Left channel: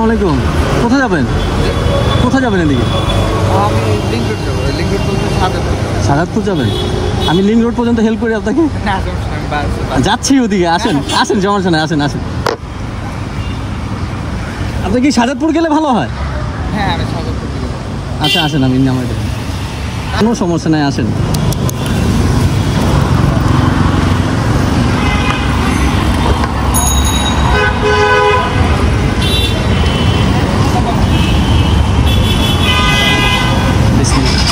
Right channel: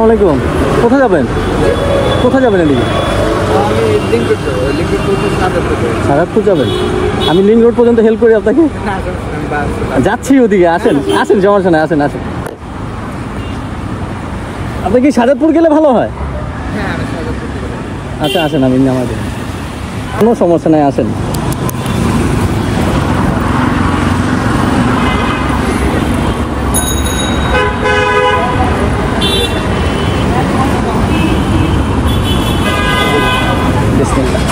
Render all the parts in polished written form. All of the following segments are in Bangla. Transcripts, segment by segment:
আসসালামু আলাইকুম। কোথায় যাবেন? কোথায় যাবেন এদিকে? আমি সাজাদপুর যাবেন? আমি লিঙ্ক রোড পর্যন্ত হেল্প করি আপনাকে। যাচ্ছি ওদিকে, আসেন আসেন, সমস্যা নাই, আসেন আসেন। আপনি কি সাজাদপুর গেলে ভালো হয়? হ্যাঁ আমি সাজাদপুর থেকে যাবো। আচ্ছা আসেন, আমি নামাই দেবেন, কোনো সমস্যা নাই, আসেন। বিসমিল্লাহ।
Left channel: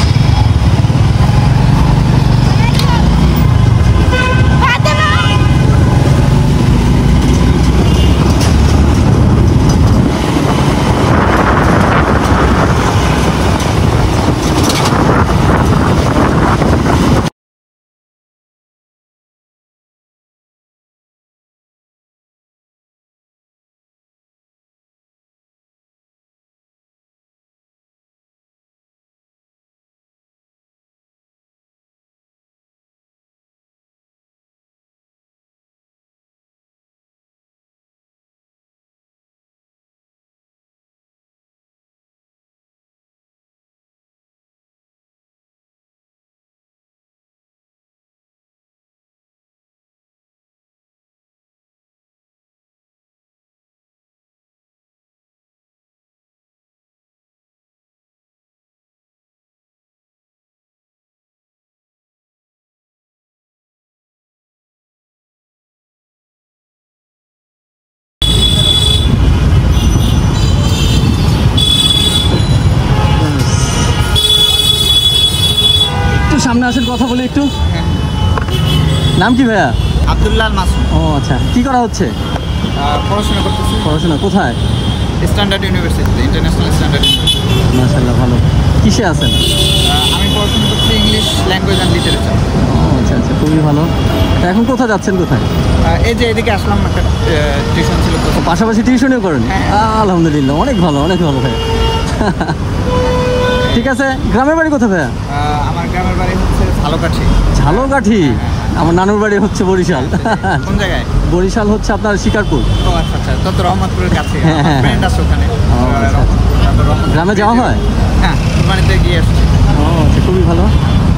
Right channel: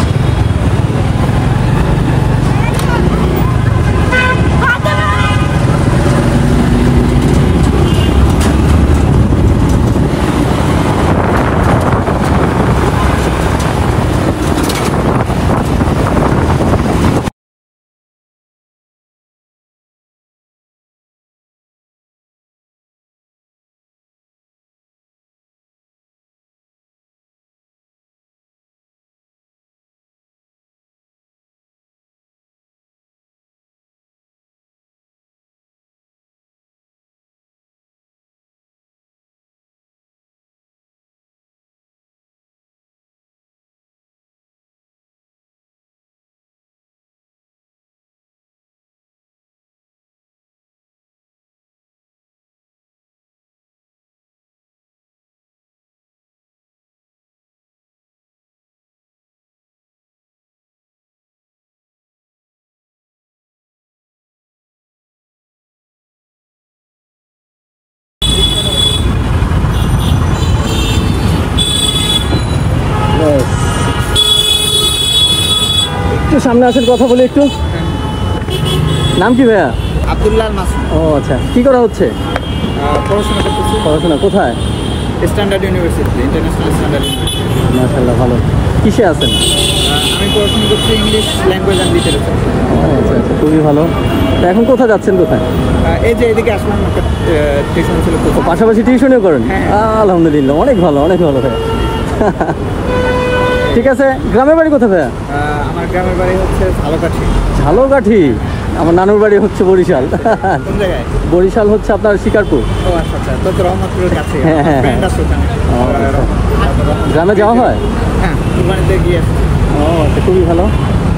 একটু সামনে আসেন, কথা বলি একটু। নাম কি ভাইয়া? আব্দুল্লাহ মাসুদ। ও আচ্ছা, কি করা হচ্ছে? পড়াশোনা করতেছি। পড়াশোনা কোথায়? Standard university, international standard university. মাশাআল্লাহ, ভালো। কিসে আছেন? আমি পড়াশোনা করছি ইংলিশ ল্যাঙ্গুয়েজ অ্যান্ড লিটারেচার। ও আচ্ছা আচ্ছা, খুবই ভালো। তা এখন কোথায় যাচ্ছেন, কোথায়? এই যে এদিকে আসলাম, একটা টিউশন ছিল। ও পাশাপাশি টিউশনিও করেন? আলহামদুলিল্লাহ, অনেক ভালো, অনেক ভালো ভাইয়া। ঠিক আছে, গ্রামের বাড়ি কোথায় ভাইয়া? আমার গ্রামের বাড়ি হচ্ছে ঝালকাঠি। ঝালকাঠি? আমার নানুর বাড়ি হচ্ছে বরিশাল। কোন জায়গায়? বরিশাল হচ্ছে আপনার শিকারপুর। ও আচ্ছা আচ্ছা, তো রহমতপুরের কাছে। হ্যাঁ হ্যাঁ হ্যাঁ। গ্রামে যাওয়া হয়? হ্যাঁ, কুরবানিতে গিয়ে আসছি। ও আচ্ছা, খুবই ভালো।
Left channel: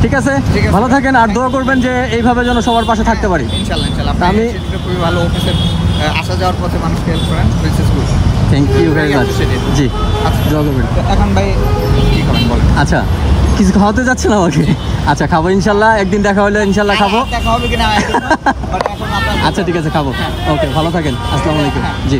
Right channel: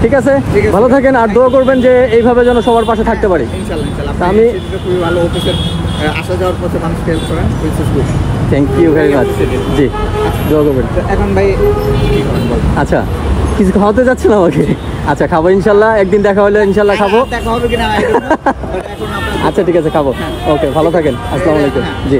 ঠিক আছে, ভালো থাকেন, আর দোয়া করবেন যে এইভাবে যেন সবার পাশে থাকতে পারি। ইনশাআল্লাহ ইনশাআল্লাহ। আমি খুবই ভালো, অফিসের আসা যাওয়ার পথে মানুষকে হেল্প করেন, which is good. Thank you very much. জি, দোয়া করবেন। এখন ভাই কি খাবেন বল? আচ্ছা, কিছু খাওয়াতে যাচ্ছেন আমাকে? আচ্ছা, খাবো ইনশাল্লাহ, একদিন দেখা হলে ইনশাল্লাহ খাবো। দেখা হবে কিনা আচ্ছা ঠিক আছে, খাবো। ওকে, ভালো থাকেন, আসসালামু আলাইকুম। জি।